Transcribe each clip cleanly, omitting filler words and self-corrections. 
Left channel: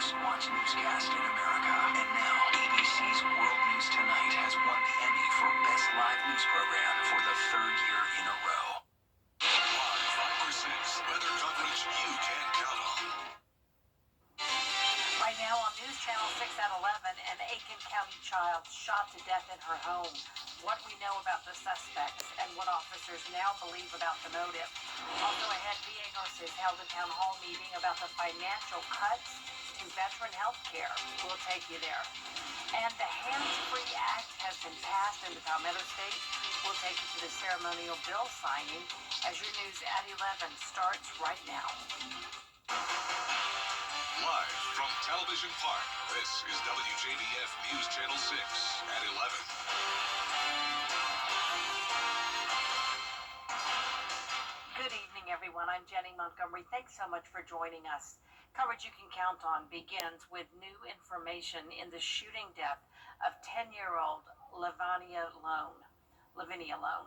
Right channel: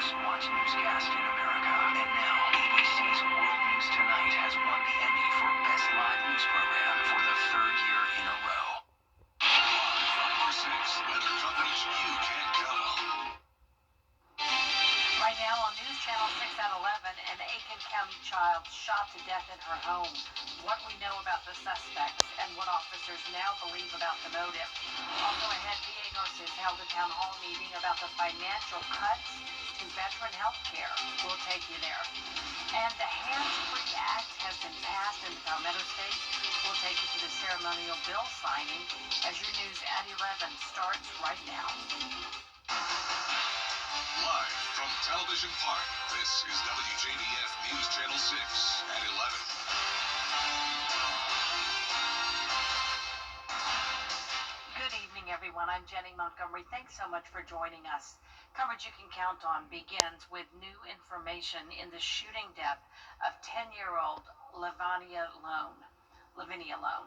most watched newscast in America. And now, ABC's World News Tonight has won the Emmy for Best Live News Program for the third year in a row. Live 5 or 6 weather coverage you can count on. Right now on News Channel 6 at 11, an Aiken County child shot to death in her home. What we know about the suspects and what officers now believe about the motive. Also ahead, Viegos has held a town hall meeting about the financial cuts to veteran health care. We'll take you there. And the Hands-Free Act has been passed in the Palmetto State. We'll take you to the ceremonial bill signing as your news at 11 starts right now. Live from Television Park, this is WJBF News Channel 6 at 11. Good evening, everyone. I'm Jenny Montgomery. Thanks so much for joining us. Coverage you can count on begins with new information in the shooting death of 10-year-old Lavinia Lone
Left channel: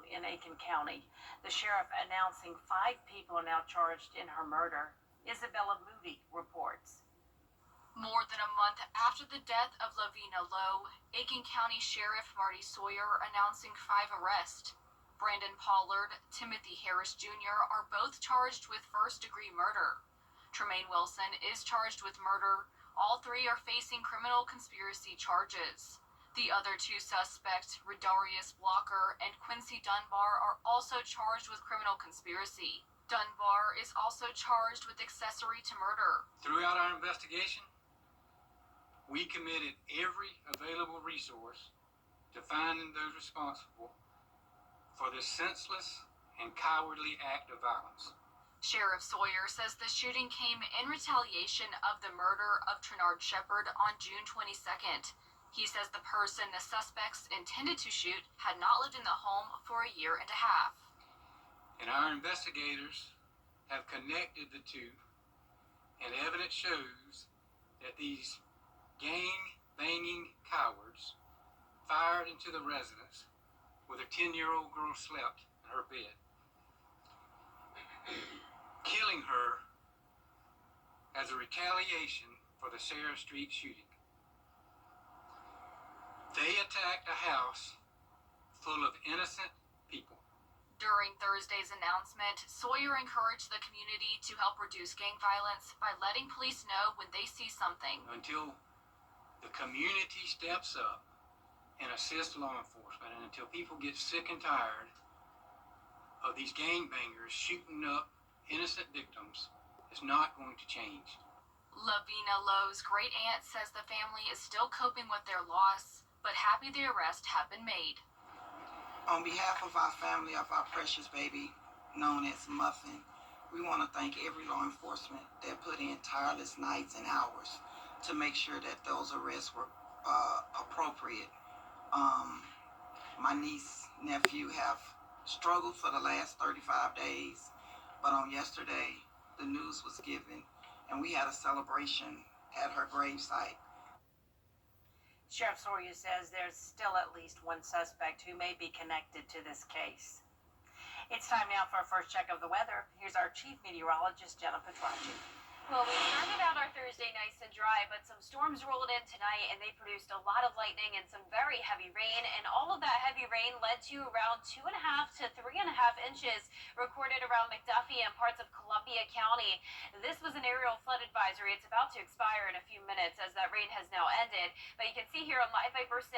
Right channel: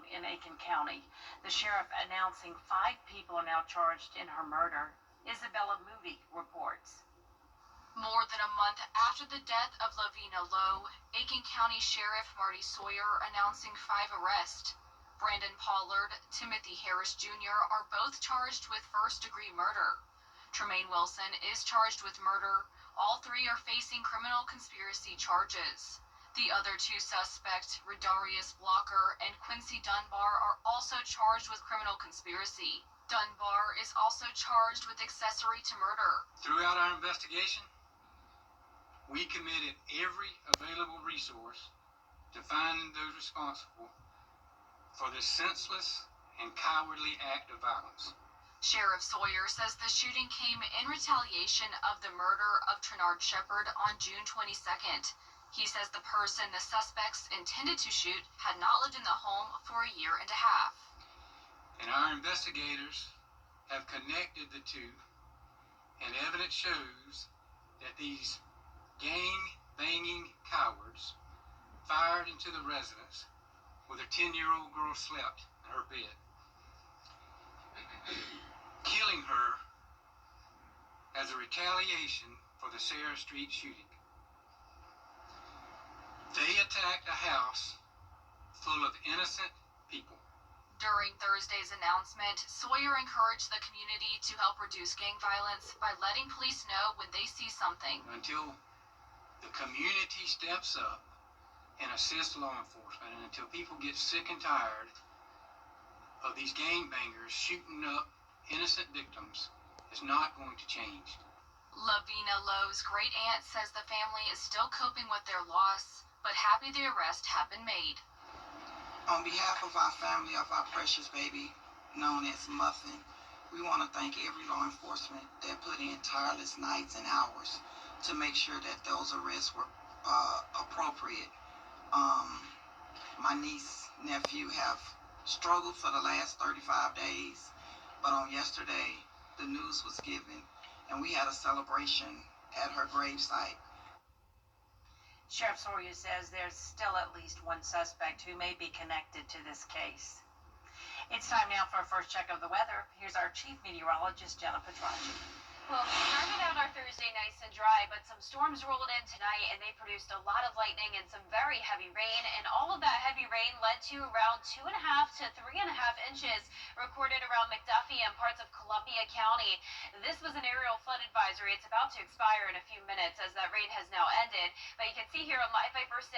in Aiken County. The sheriff announcing 5 people are now charged in her murder. Isabella Moody reports. More than a month after the death of Lavina Lowe, Aiken County Sheriff Marty Sawyer announcing 5 arrests. Brandon Pollard, Timothy Harris Jr. are both charged with first-degree murder. Tremaine Wilson is charged with murder. All 3 are facing criminal conspiracy charges. The other 2 suspects, Redarius Blocker and Quincy Dunbar, are also charged with criminal conspiracy. Dunbar is also charged with accessory to murder. Throughout our investigation, we committed every available resource to finding those responsible for this senseless and cowardly act of violence. Sheriff Sawyer says the shooting came in retaliation of the murder of Trenard Shepard on June 22nd. He says the person the suspects intended to shoot had not lived in the home for a year and a half. And our investigators have connected the two, and evidence shows that these gang-banging cowards fired into the residence where the 10-year-old girl slept in her bed, killing her as a retaliation for the Sarah Street shooting. They attacked a house full of innocent people. During Thursday's announcement, Sawyer encouraged the community to help reduce gang violence by letting police know when they see something. Until the community steps up and assists law enforcement, and until people get sick and tired of these gangbangers shooting up innocent victims, it's not going to change. Lavina Lowe's great aunt says the family is still coping with their loss, but happy the arrests have been made. On behalf of our family of our precious baby, known as Muffin, we want to thank every law enforcement that put in tireless nights and hours to make sure that those arrests were appropriate. My niece, nephew have struggled for the last 35 days, but on yesterday, the news was given, and we had a celebration at her gravesite. Sheriff Sawyer says there's still at least 1 suspect who may be connected to this case. It's time now for a first check of the weather. Here's our chief meteorologist, Jenna Petracci. Well, we started out our Thursday nice and dry, but some storms rolled in tonight, and they produced a lot of lightning and some very heavy rain. And all of that heavy rain led to around 2.5 to 3.5 inches recorded around McDuffie and parts of Columbia County. This was an aerial flood advisory. It's about to expire in a few minutes as that rain has now ended. But you can see here on Live Viper 6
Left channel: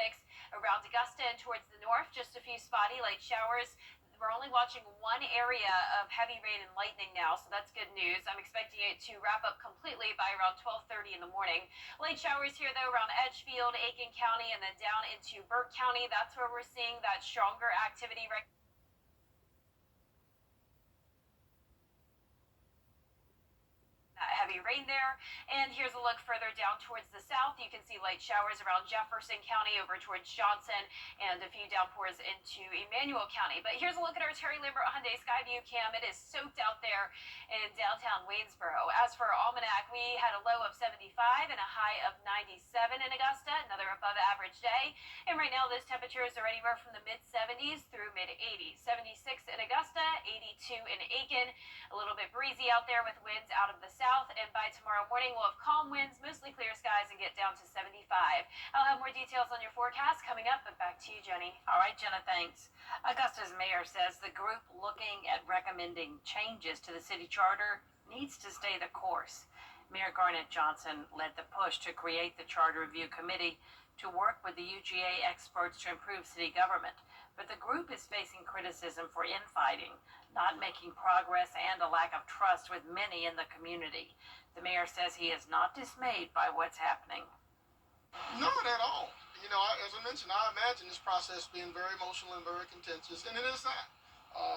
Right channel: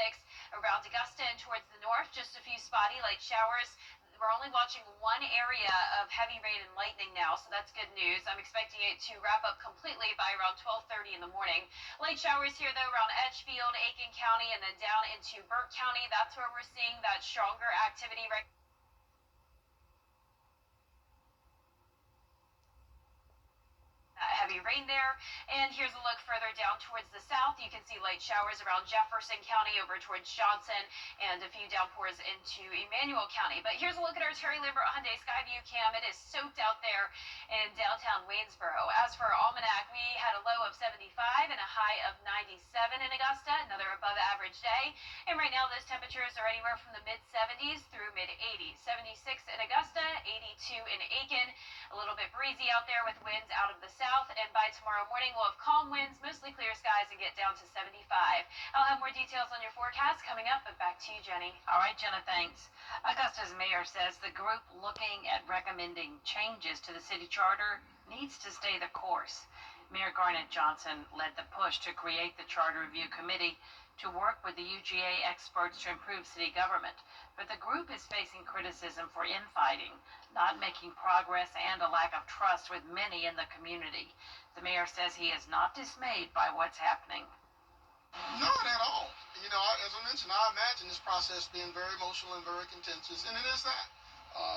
around Augusta and towards the north, just a few spotty light showers. We're only watching 1 area of heavy rain and lightning now, so that's good news. I'm expecting it to wrap up completely by around 12:30 in the morning. Light showers here, though, around Edgefield, Aiken County, and then down into Burke County. That's where we're seeing that stronger activity right heavy rain there. And here's a look further down towards the south. You can see light showers around Jefferson County over towards Johnson and a few downpours into Emmanuel County. But here's a look at our Terry Lambert Hyundai Skyview cam. It is soaked out there in downtown Waynesboro. As for our almanac, we had had a low of 75 and a high of 97 in Augusta, another above average day. And right now, those temperatures are anywhere from the mid-70s through mid-80s. 76 in Augusta, 82 in Aiken. A little bit breezy out there with winds out of the south. And by tomorrow morning, we'll have calm winds, mostly clear skies, and get down to 75. I'll have more details on your forecast coming up, but back to you, Jenny. All right, Jenna, thanks. Augusta's mayor says the group looking at recommending changes to the city charter needs to stay the course. Mayor Garnett Johnson led the push to create the Charter Review Committee to work with the UGA experts to improve city government. But the group is facing criticism for infighting, not making progress, and a lack of trust with many in the community. The mayor says he is not dismayed by what's happening. Not at all. You know, as I mentioned, I imagine this process being very emotional and very contentious, and it is that.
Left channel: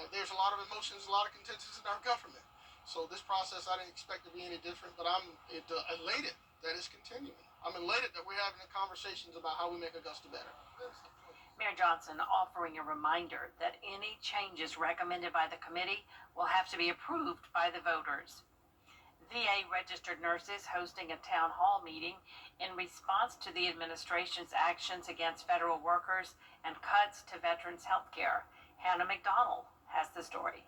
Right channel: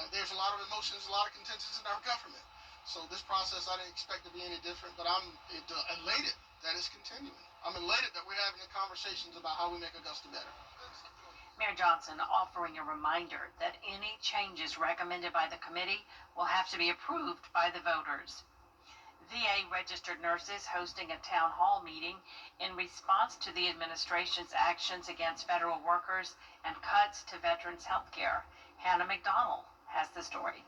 There's a lot of emotions, a lot of contentions in our government. So this process, I didn't expect to be any different, but I'm elated that it's continuing. I'm elated that we're having the conversations about how we make Augusta better. Mayor Johnson offering a reminder that any changes recommended by the committee will have to be approved by the voters. VA registered nurses hosting a town hall meeting in response to the administration's actions against federal workers and cuts to veterans' health care. Hannah McDonald has the story.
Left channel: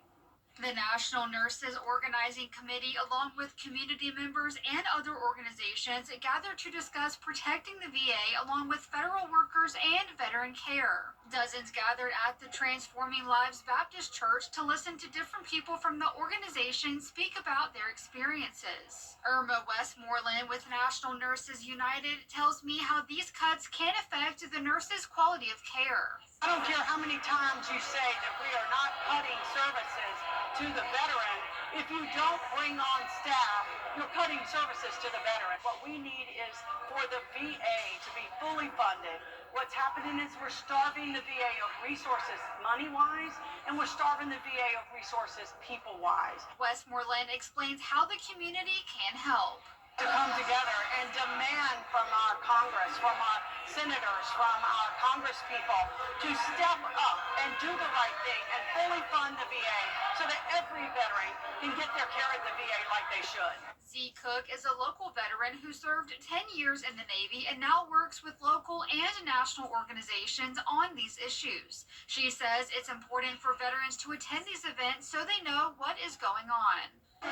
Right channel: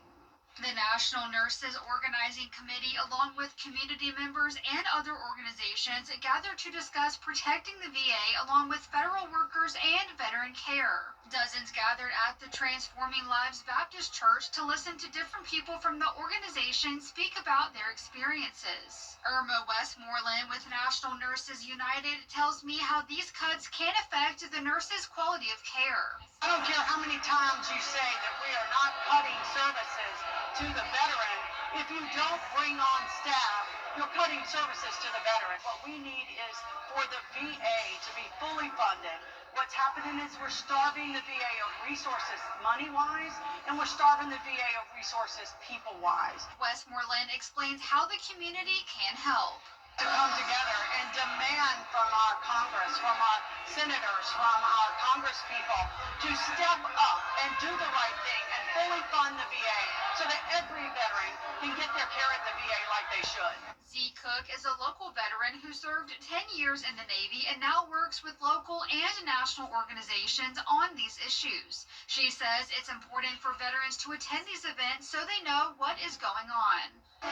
The National Nurses Organizing Committee, along with community members and other organizations, gathered to discuss protecting the VA along with federal workers and veteran care. Dozens gathered at the Transforming Lives Baptist Church to listen to different people from the organization speak about their experiences. Irma Westmoreland with National Nurses United tells me how these cuts can affect the nurses' quality of care. I don't care how many times you say that we are not cutting services to the veteran. If you don't bring on staff, you're cutting services to the veteran. What we need is for the VA to be fully funded. What's happening is we're starving the VA of resources money-wise, and we're starving the VA of resources people-wise. Westmoreland explains how the community can help. To come together and demand from our Congress, from our senators, from our congresspeople to step up and do the right thing and fully fund the VA so that every veteran can get their care at the VA like they should. Z. Cook is a local veteran who served 10 years in the Navy and now works with local and national organizations on these issues. She says it's important for veterans to attend these events so they know what is going on.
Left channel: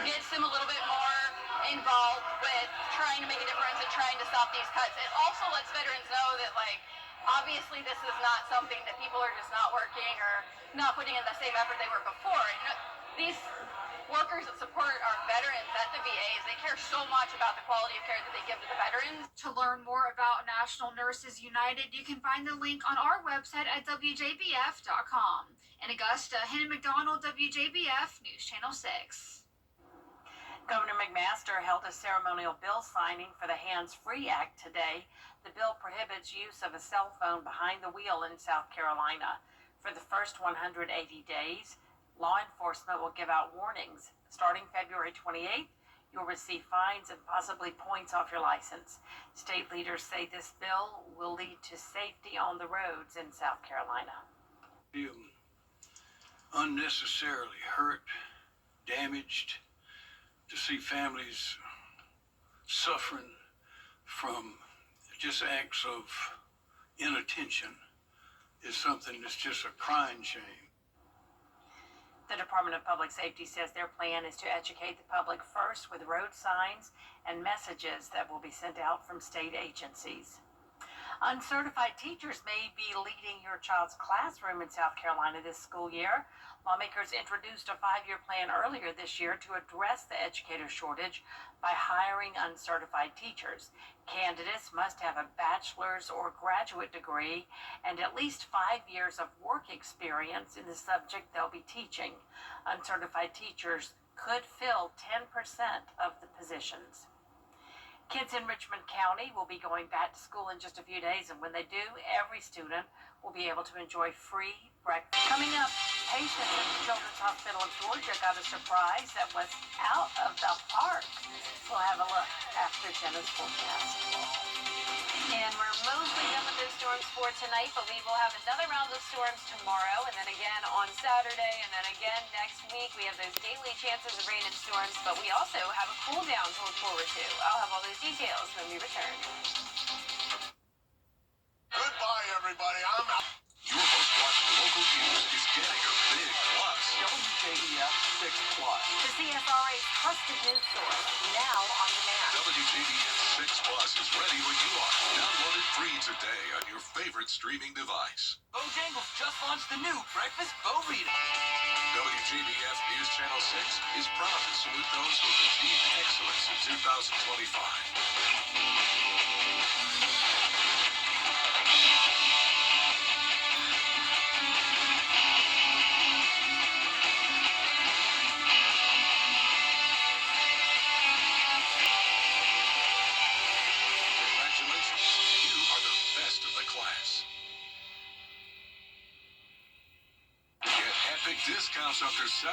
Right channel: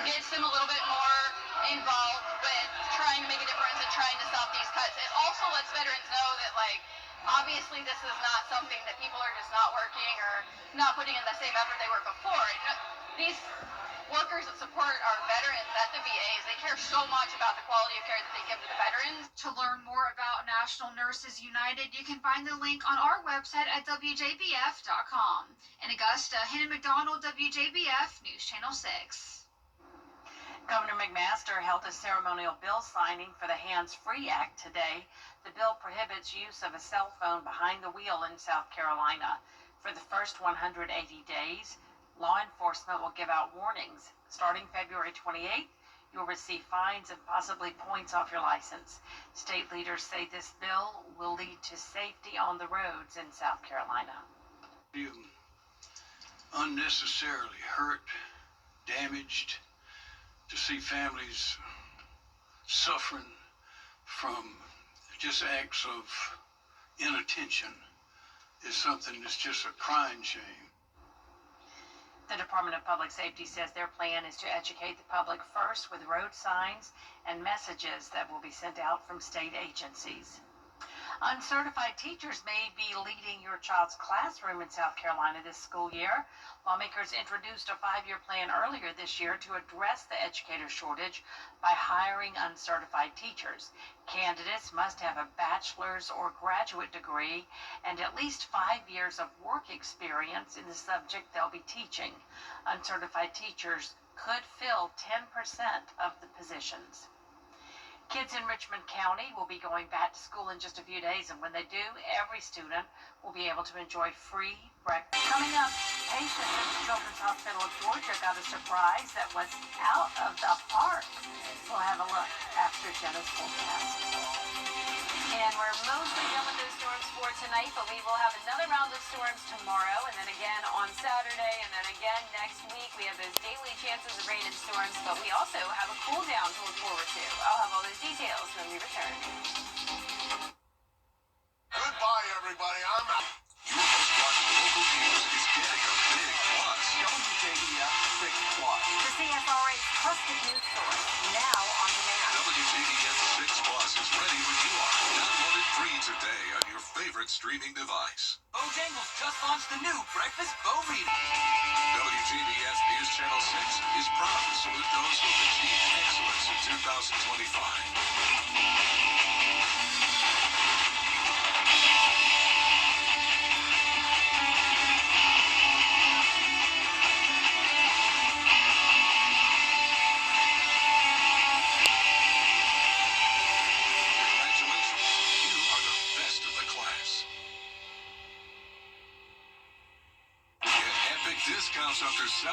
Gets them a little bit more involved with trying to make a difference and trying to stop these cuts. It also lets veterans know that, like, obviously this is not something that people are just not working or not putting in the same effort they were before. These workers that support our veterans at the VAs, they care so much about the quality of care that they give to the veterans. To learn more about National Nurses United, you can find the link on our website at WJBF.com. In Augusta, Hannah McDonald, WJBF News Channel 6. Governor McMaster held a ceremonial bill signing for the Hands-Free Act today. The bill prohibits use of a cell phone behind the wheel in South Carolina. For the first 180 days, law enforcement will give out warnings. Starting February 28th, you'll receive fines and possibly points off your license. State leaders say this bill will lead to safety on the roads in South Carolina. You unnecessarily hurt, damaged, to see families suffering from just acts of inattention is something that's just a crying shame. The Department of Public Safety says their plan is to educate the public first with road signs and messages that will be sent out from state agencies. Uncertified teachers may be leading your child's classroom in South Carolina this school year. Lawmakers introduced a 5-year plan earlier this year to address the educator shortage by hiring uncertified teachers. Candidates must have a bachelor's or graduate degree and at least 5 years of work experience in the subject they'll be teaching. Uncertified teachers could fill 10% of the positions. Kids in Richmond County will be going back to school in just a few days, and when they do, every student will be able to enjoy free Right. Coming up, patients at the Children's Hospital of Georgia got a surprise that was out of the park. We'll have a look after Jenna's forecast. And we're mostly done with those storms for tonight, but we will have another round of storms tomorrow, and then again on Saturday, and then again next week. We have those daily chances of rain and storms, but we also have a cool down to look forward to. I'll have all those details when we return. Goodbye, everybody. I'm out. Your most watched local news is getting a big plus. WJBF 6 Plus. The CSRA's trusted news source, now on demand. WJBF 6 Plus is ready when you are. Download it free today on your favorite streaming device. Bojangles just launched the new breakfast Burrito. WJBF News Channel 6 is proud to salute those who have achieved excellence in 2025. Congratulations, you are the best of the class. Get epic discounts up to 75%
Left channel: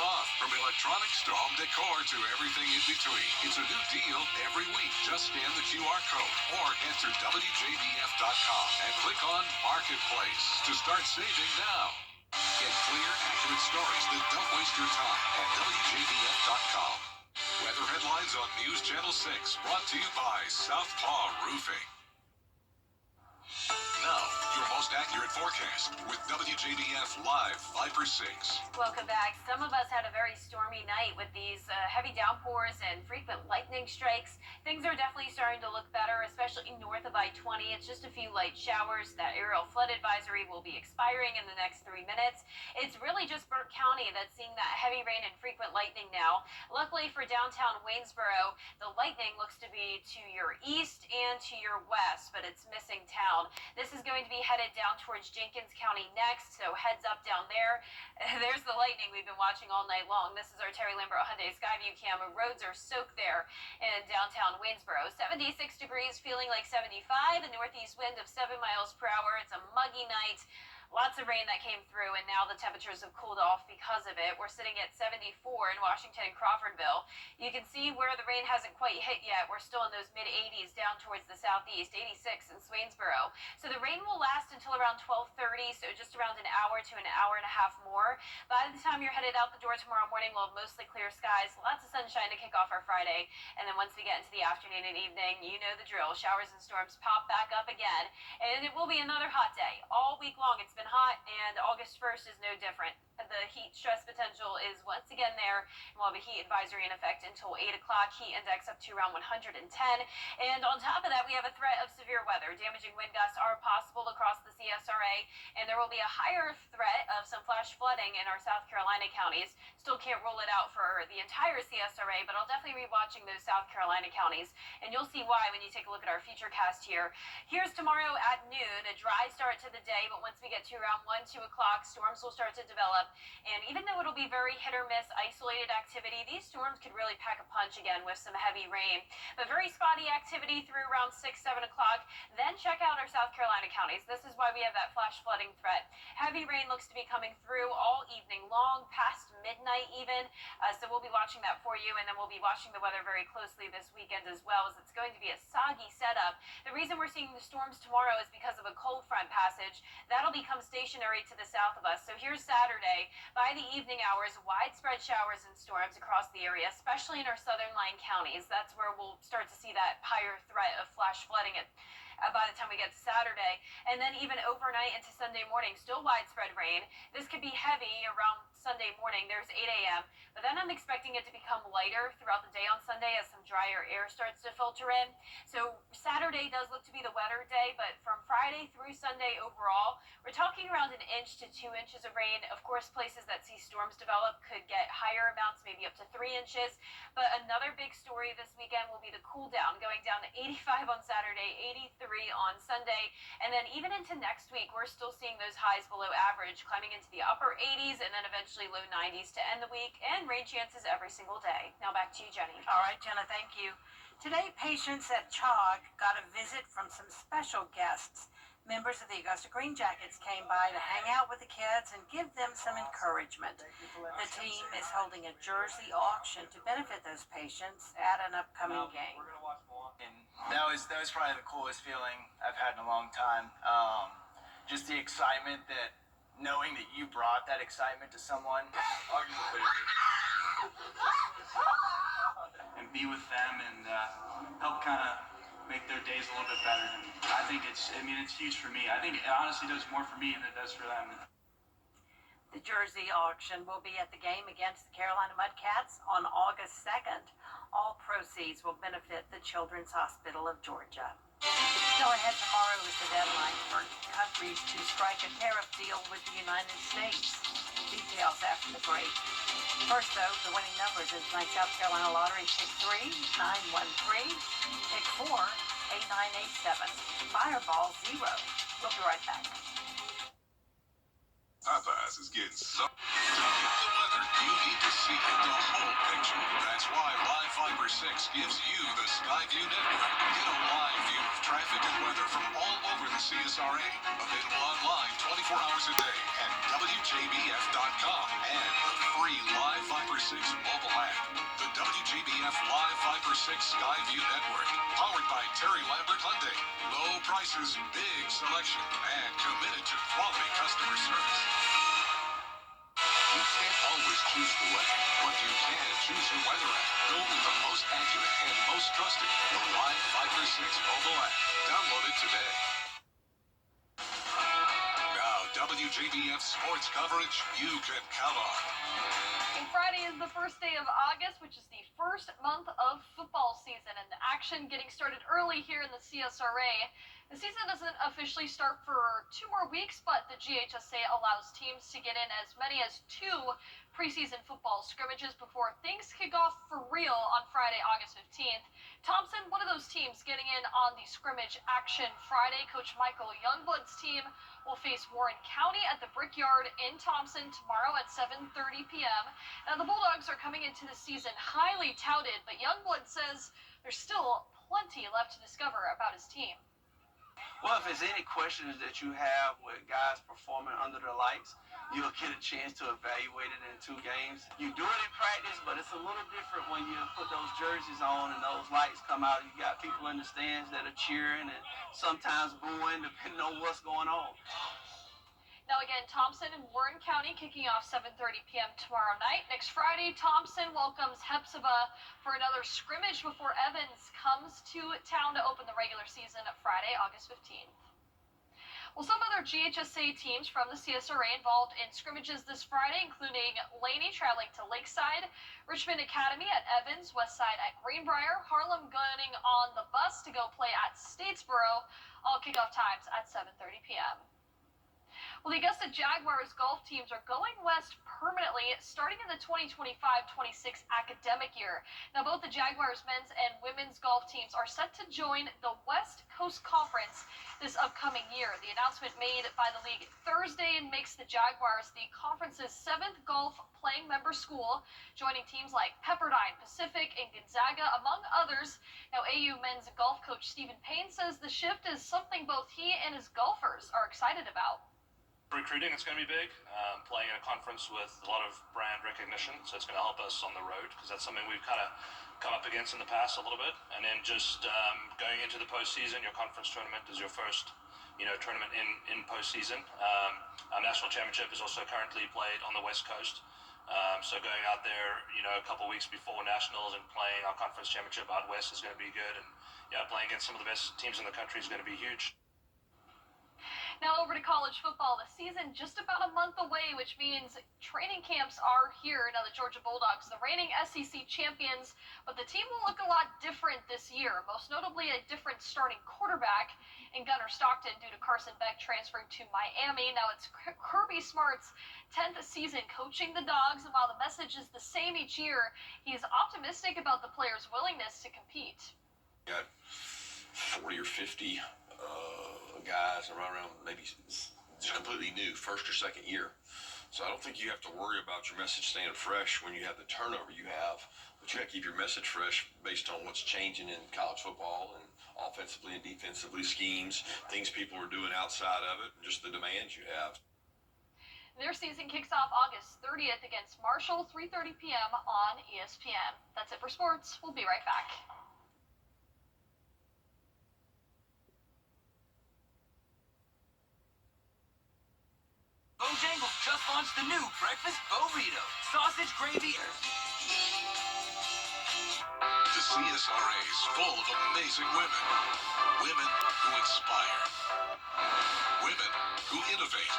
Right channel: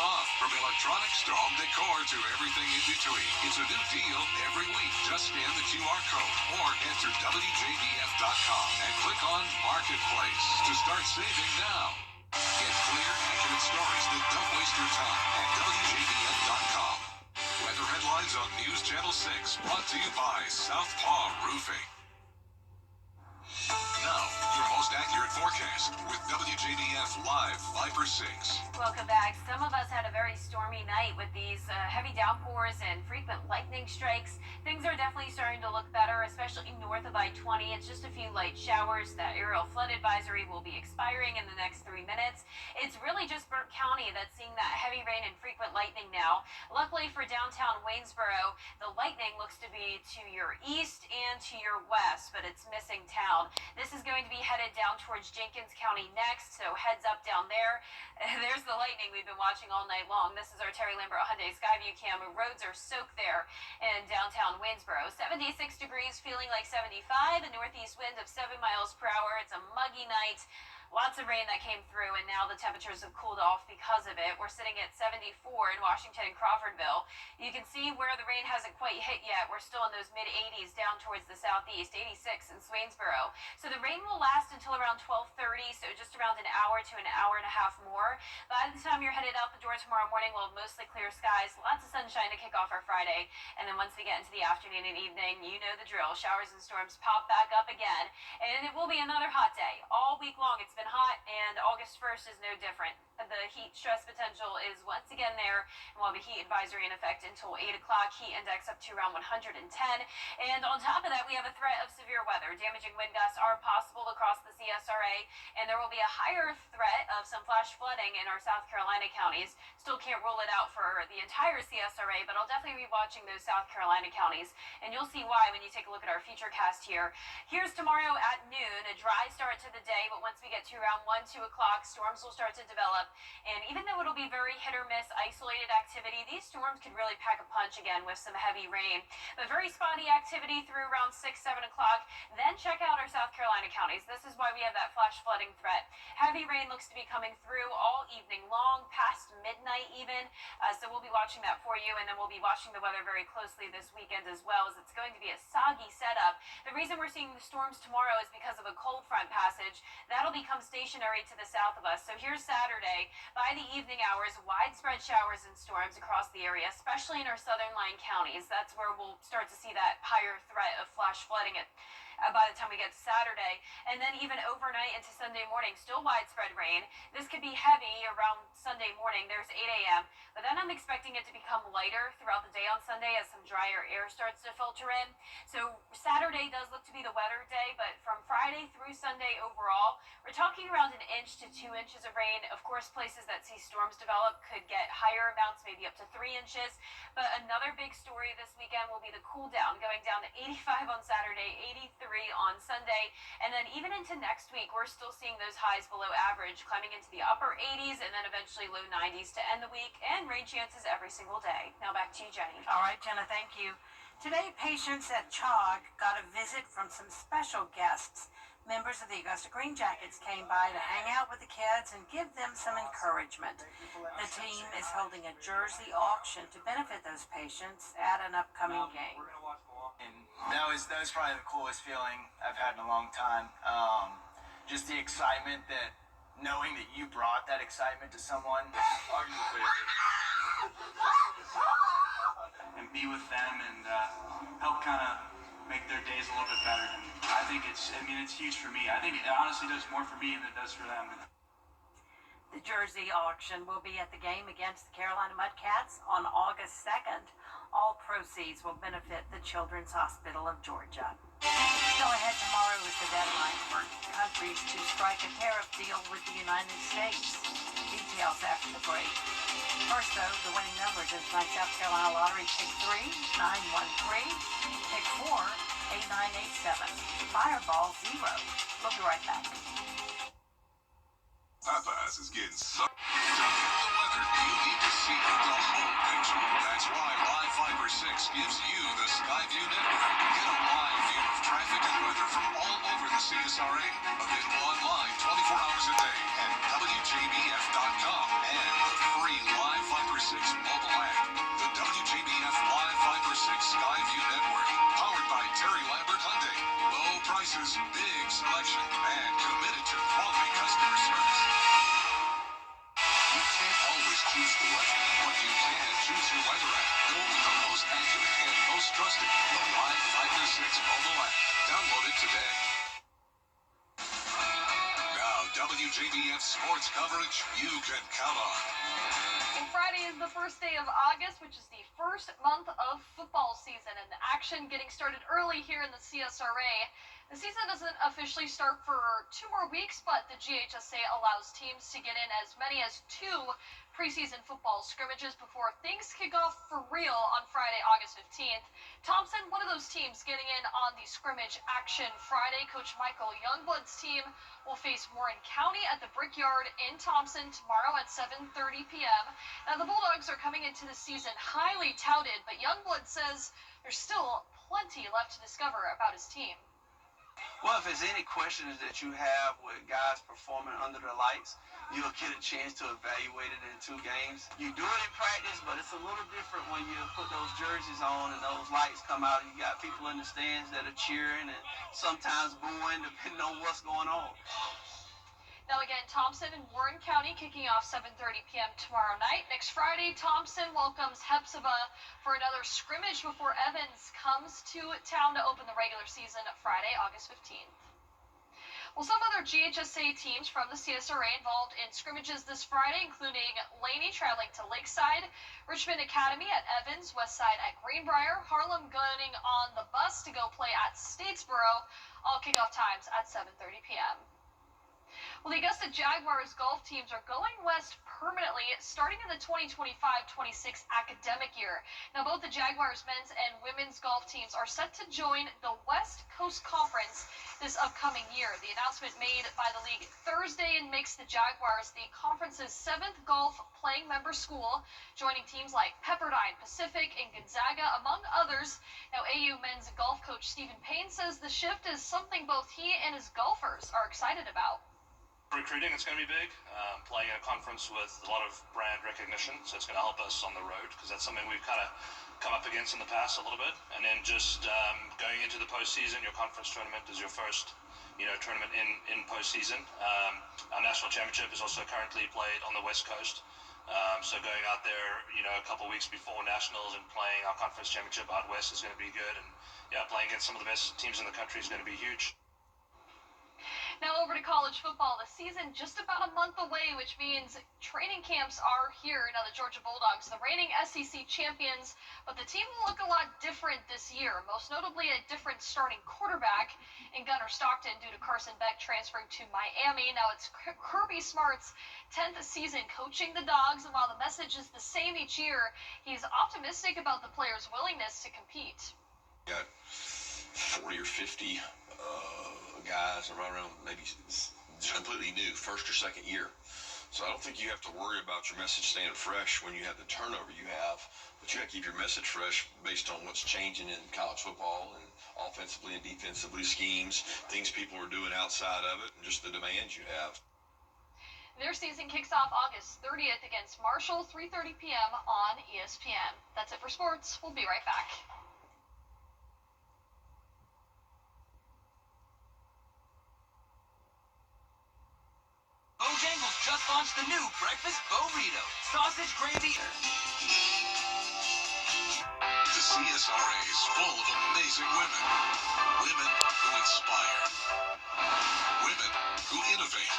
off, from electronics to home decor to everything in between. It's a new deal every week. Just scan the QR code or enter WJBF.com and click on Marketplace to start saving now. Get clear, accurate stories that don't waste your time at WJBF.com. Weather headlines on News Channel 6, brought to you by Southpaw Roofing. Now, your most accurate forecast with WJBF Live Viper 6. Welcome back. Some of us had a very stormy night with these heavy downpours and frequent lightning strikes. Things are definitely starting to look better, especially north of I-20. It's just a few light showers. That aerial flood advisory will be expiring in the next 3 minutes. It's really just Burke County that's seeing that heavy rain and frequent lightning now. Luckily for downtown Waynesboro, the lightning looks to be to your east and to your west, but it's missing town. This is going to be headed down towards Jenkins County next, so heads up down there. There's the lightning we've been watching all night long. This is our Terry Lambert Hyundai Skyview cam. Roads are soaked there in downtown Waynesboro. 76 degrees, feeling like 75, a northeast wind of 7 miles per hour. It's a muggy night. Lots of rain that came through, and now the temperatures have cooled off because of it. We're sitting at 74 in Washington and Crawfordville. You can see where the rain hasn't quite hit yet. We're still in those mid-80s down towards the southeast, 86 in Swainsboro. So the rain will last until around 12:30, so just around an hour to an hour and a half more. By the time you're headed out the door tomorrow morning, we'll have mostly clear skies, lots of sunshine to kick off our Friday. And then once we get into the afternoon and evening, you know the drill. Showers and storms pop back up again, and it will be another hot day. All week long, it's been hot, and August 1st is no different. The heat stress potential is once again there, and we'll have a heat advisory in effect until 8 o'clock. Heat index up to around 110. And on top of that, we have a threat of severe weather. Damaging wind gusts are possible across the CSRA, and there will be a higher threat of some flash flooding in our South Carolina counties. Still can't rule it out for the entire CSRA, but I'll definitely be watching those South Carolina counties, and you'll see why when you take a look at our future cast here. Here's tomorrow at noon, a dry start to the day, but once we get to around 1, 2 o'clock, storms will start to develop. And even though it'll be very hit or miss isolated activity, these storms could really pack a punch again with some heavy rain. But very spotty activity through around 6, 7 o'clock. Then check out our South Carolina counties. This is why we have that flash flooding threat. Heavy rain looks to be coming through all evening long, past midnight even. So we'll be watching that for you, and then we'll be watching the weather very closely this weekend as well, as it's going to be a soggy setup. The reason we're seeing the storms tomorrow is because of a cold front passage. That'll become stationary to the south of us. So here's Saturday. By the evening hours, widespread showers and storms across the area, especially in our southern line counties. That's where we'll start to see that higher threat of flash flooding by the time we get to Saturday. And then even overnight into Sunday morning, still widespread rain. This could be heavy around Sunday morning. There's 8 a.m. But then I'm expecting it to become lighter throughout the day on Sunday as some drier air starts to filter in. So Saturday does look to be the wetter day, but from Friday through Sunday overall, we're talking around 1 inch to 2 inches of rain. Of course, places that see storms develop could get higher amounts, maybe up to 3 inches. But another big story this weekend will be the cool down, going down to 85 on Saturday, 83 on Sunday. And then even into next week, we're still seeing those highs below average, climbing into the upper 80s and then eventually low 90s to end the week, and rain chances every single day. Now back to you, Jenny. All right, Jenna, thank you. Today, patients at CHOG got a visit from some special guests. Members of the Augusta Green Jackets came by to hang out with the kids and give them some encouragement. The team is holding a jersey auction to benefit those patients at an upcoming game. And that was probably the coolest feeling I've had in a long time. Just the excitement that knowing that you brought that excitement to someone. And be with them and help kind of make their days a little bit better. And I think it's huge for me. I think it honestly does more for me than it does for them. The jersey auction will be at the game against the Carolina Mudcats on August 2nd. All proceeds will benefit the Children's Hospital of Georgia. Still ahead tomorrow is the deadline for countries to strike a tariff deal with the United States. Details after the break. First, though, the winning numbers in tonight's South Carolina Lottery. Pick 3, 913. Pick 4, 8987. Fireball 0. We'll be right back. Popeyes is getting so... To get the weather, you need to see the whole picture. That's why Live Fiber 6 gives you the Skyview network. Get a live view of traffic and weather from all over the CSRA. Available online 24 hours a day at WJBF.com and the free Live Fiber 6 mobile app. The WJBF Live Fiber 6 Skyview network. Powered by Terry Lambert Hyundai. Low prices, big selection, and committed to quality customer service. You can't always choose the weather, but you can choose your weather app. Go with the most accurate and most trusted, the Live Fiber 6 mobile app. Download it today. Now, WJBF sports coverage you can count on. And Friday is the first day of August, which is the first month of football season, and the action getting started early here in the CSRA. The season doesn't officially start for 2 more weeks, but the GHSA allows teams to get in as many as 2 preseason football scrimmages before things kick off for real on Friday, August 15th. Thompson, one of those teams getting in on the scrimmage action Friday. Coach Michael Youngblood's team will face Warren County at the Brickyard in Thompson tomorrow at 7:30 p.m. Now, the Bulldogs are coming into the season highly touted, but Youngblood says there's still plenty left to discover about his team. Well, if there's any questions that you have with guys performing under the lights, you'll get a chance to evaluate it in 2 games. You do it in practice, but it's a little different when you put those jerseys on and those lights come out. You got people in the stands that are cheering and sometimes booing, depending on what's going on. Now again, Thompson and Warren County kicking off 7:30 p.m. tomorrow night. Next Friday, Thompson welcomes Hepzibah for another scrimmage before Evans comes to town to open the regular season Friday, August 15th. Well, some other GHSA teams from the CSRA involved in scrimmages this Friday, including Laney traveling to Lakeside, Richmond Academy at Evans, Westside at Greenbrier, Harlem going on the bus to go play at Statesboro. All kickoff times at 7:30 p.m. Well, the Augusta Jaguars golf teams are going west permanently starting in the 2025-26 academic year. Now, both the Jaguars men's and women's golf teams are set to join the West Coast Conference this upcoming year. The announcement made by the league Thursday and makes the Jaguars the conference's 7th golf playing member school, joining teams like Pepperdine, Pacific, and Gonzaga, among others. Now, AU men's golf coach Stephen Payne says the shift is something both he and his golfers are excited about. Recruiting, it's going to be big. Playing in a conference with a lot of brand recognition, so it's going to help us on the road because that's something we've kind of come up against in the past a little bit. And then just going into the postseason, your conference tournament is your first, tournament in postseason. Our national championship is also currently played on the West Coast. So going out there, a couple weeks before nationals and playing our conference championship out west is going to be good. And playing against some of the best teams in the country is going to be huge. Now over to college football. The season just about a month away, which means training camps are here. Now the Georgia Bulldogs, the reigning SEC champions, but the team will look a lot different this year, most notably a different starting quarterback in Gunnar Stockton due to Carson Beck transferring to Miami. Now it's Kirby Smart's 10th season coaching the Dogs, and while the message is the same each year, he's optimistic about the players' willingness to compete. Got 40 or 50 guys around maybe just completely new, first or second year. So I don't think you have to worry about your message staying fresh when you have the turnover you have, but you have to keep your message fresh based on what's changing in college football and offensively and defensively, schemes, things people are doing outside of it, and just the demands you have. Their season kicks off August 30th against Marshall, 3:30 p.m. on ESPN. That's it for sports. We'll be right back. Bojangles just launched the new breakfast burrito. Sausage gravy. The CSRA is full of amazing women. Women who inspire. Women who innovate.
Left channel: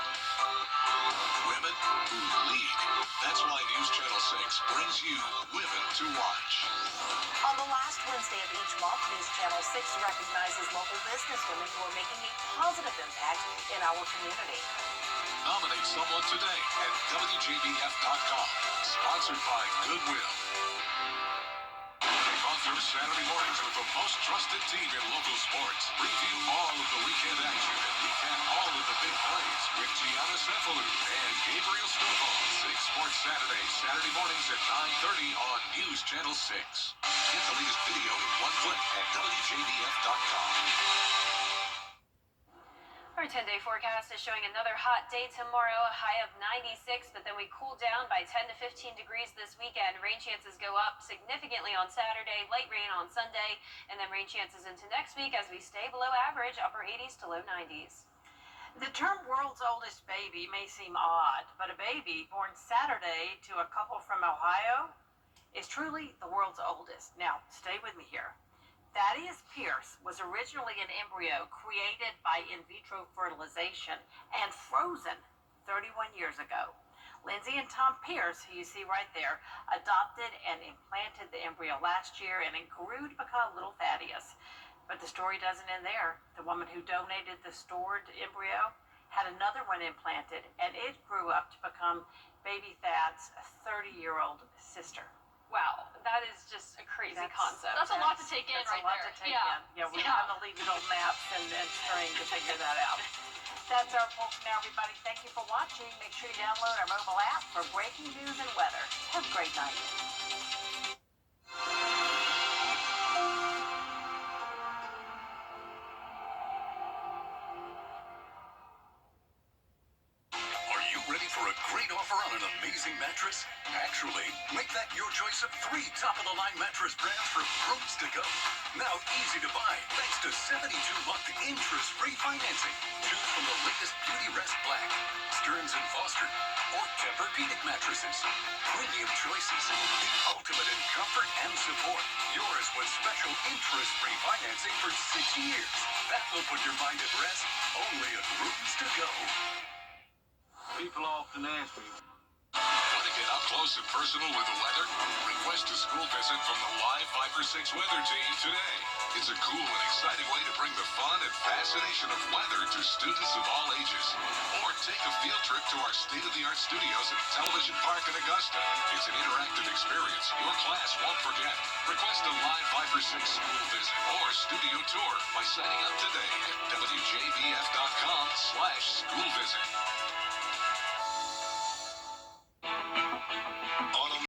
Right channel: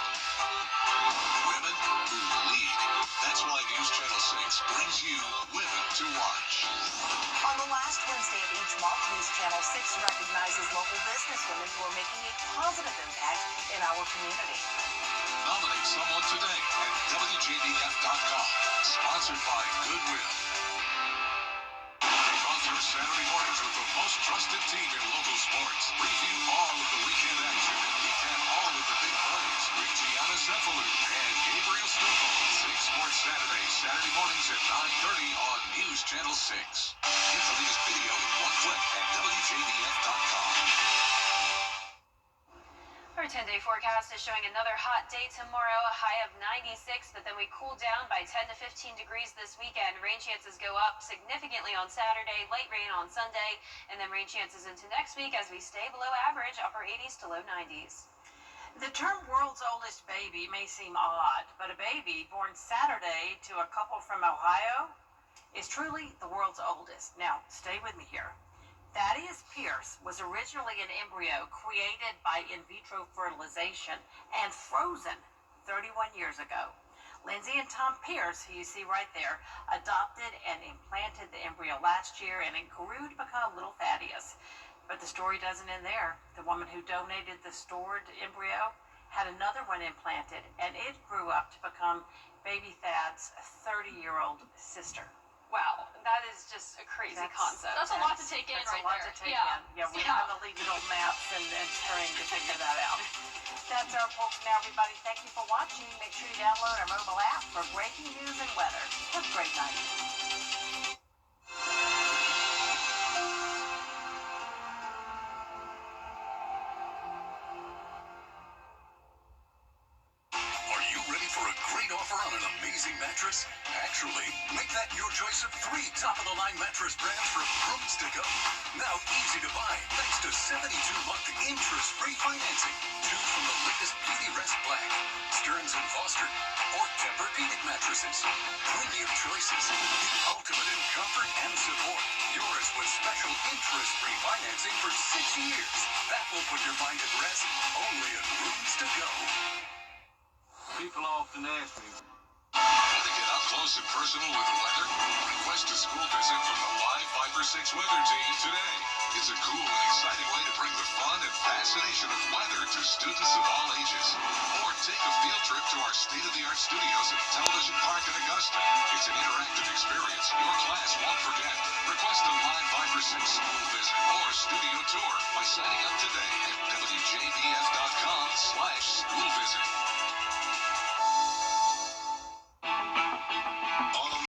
Women who lead. That's why News Channel 6 brings you Women to Watch. On the last Wednesday of each month, News Channel 6 recognizes local businesswomen who are making a positive impact in our community. Nominate someone today at WJBF.com. Sponsored by Goodwill. Kick off your Saturday mornings with the most trusted team in local sports. Preview all of the weekend action and recap all of the big plays with Gianna Cephalou and Gabriel Stovo. 6 Sports Saturday, Saturday mornings at 9:30 on News Channel 6. Get the latest video in one click at WJBF.com. Our 10-day forecast is showing another hot day tomorrow, a high of 96, but then we cool down by 10 to 15 degrees this weekend. Rain chances go up significantly on Saturday, light rain on Sunday, and then rain chances into next week as we stay below average, upper 80s to low 90s. The term world's oldest baby may seem odd, but a baby born Saturday to a couple from Ohio is truly the world's oldest. Now, stay with me here. Thaddeus Pierce was originally an embryo created by in vitro fertilization and frozen 31 years ago. Lindsay and Tom Pierce, who you see right there, adopted and implanted the embryo last year, and it grew to become little Thaddeus. But the story doesn't end there. The woman who donated the stored embryo had another one implanted, and it grew up to become baby Thad's 30-year-old sister. Wow, that is just a crazy concept. That's a lot to take in right there. That's a lot to take in. Yeah, we have to leave little maps and string to figure that out. That's our folks now, everybody. Thank you for watching. Make sure you download our mobile app for breaking news and weather. Have a great night. Are you ready for a great offer on an amazing mattress? Actually, make that your choice of 3 top-of-the-line mattress brands from Roots to Go. Now easy to buy thanks to 72-month interest-free financing. Choose from the latest Beauty Rest Black, Stearns & Foster, or Tempur-Pedic mattresses. Premium choices, the ultimate in comfort and support. Yours with special interest-free financing for 6 years. That will put your mind at rest only at Roots to Go. People often ask me, Want to get up close and personal with the weather? Request a school visit from the Live 5 or 6 weather team today. It's a cool and exciting way to bring the fun and fascination of weather to students of all ages. Or take a field trip to our state-of-the-art studios at Television Park in Augusta. It's an interactive experience your class won't forget. Request a Live 5 or 6 school visit or studio tour by signing up today at WJBF.com/school visit.